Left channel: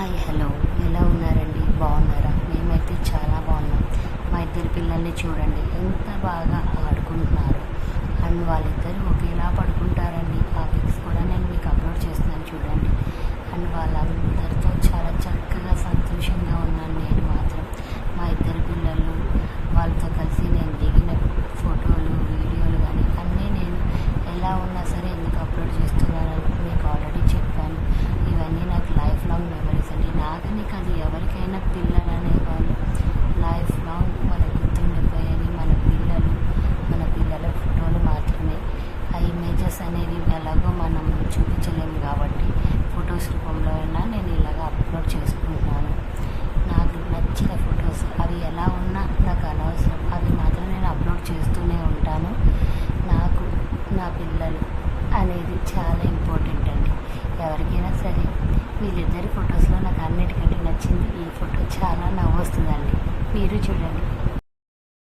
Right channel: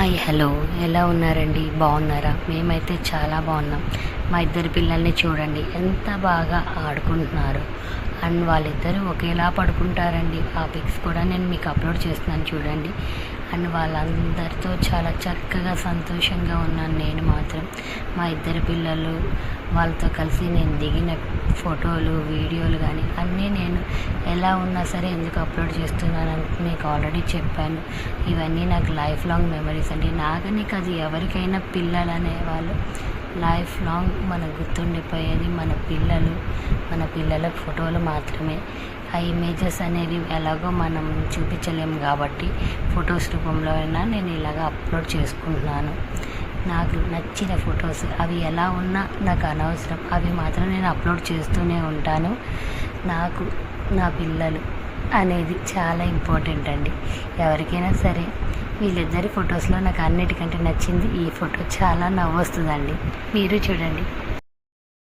Hi hello ఎలా ఉన్నారండి? బాగున్నారా? మేమైతే చాలా బాగున్నాం. మా ఇద్దరు పిల్లల్ని చూడండి ఎంత బాగా ఆడుకుంటున్నారు. అండ్ వాళ్ళిద్దరూ ఒకేలా పడుకుంటారండి. ఆ పిక్స్ కూడా నేను మీకు అప్లోడ్ చేస్తున్నాను చూడండి. అండ్ వాళ్ళందరితో చాలా చక్కగా సంతోషంగా ఉన్నాను నేను మాత్రం. మా ఇద్దరు పిల్లలు వాళ్ళతో కలిసి నేను దిగిన ఫోటోలు వీడియోలు కానీ అన్నీ నేను ఎలా ఉన్నా సరే ఎందుకు అప్లోడ్ చేస్తున్నానని మీకు ఆల్రెడీ చెప్పాను. ఇవన్నీ నాకు లైఫ్ లాంగ్ మెమరీస్ అండి. నాకని కాదు, ఎవరికైనా పిల్లలు అనేవాళ్ళు లైఫ్ లాంగ్ మనకు గుర్తుండిపోయేది మన పిల్లల ఫోటోలు మాత్రమే. ఆ ఇమేజెస్ అనేవి ఎలాగో మనం చూపించలేము కాబట్టి ఫొటోస్ రూపంలో అయినా నేను ఇలాగ అప్లోడ్ చేసుకుంటున్నాను. నాకు నచ్చిన ఫొటోస్ అవి ఎలా ఉన్నా నాకు అనవసరం, అవి మాత్రం నేను అప్లోడ్ చేస్తూనే ఉంటాను. నాకు నా పిల్లలు అనేది చాలా ఇంపార్టెంట్ అండి ఎవరికైనా సరే. వీళ్ళిద్దరి ఫొటోస్లో నాకు అన్నిటికంటే నచ్చింది ఈ ఫోటో. చాలా నవ్వొస్తుందండి, మీరు చూడండి.